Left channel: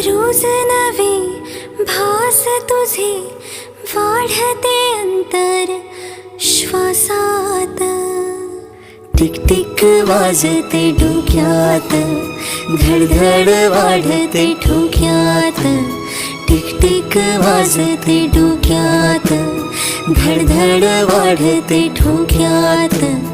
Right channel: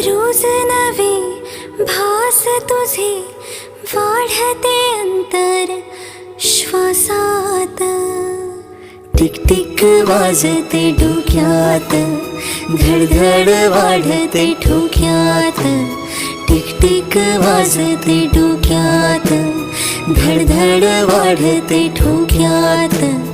रोज नवे भास तुझे वाढते अंतर श्वासात. टिक टिक वाजते डोक्यात, धडधड वाढते ठोक्यात. टिक टिक वाजते डोक्यात, धडधड वाढते ठोक्यात.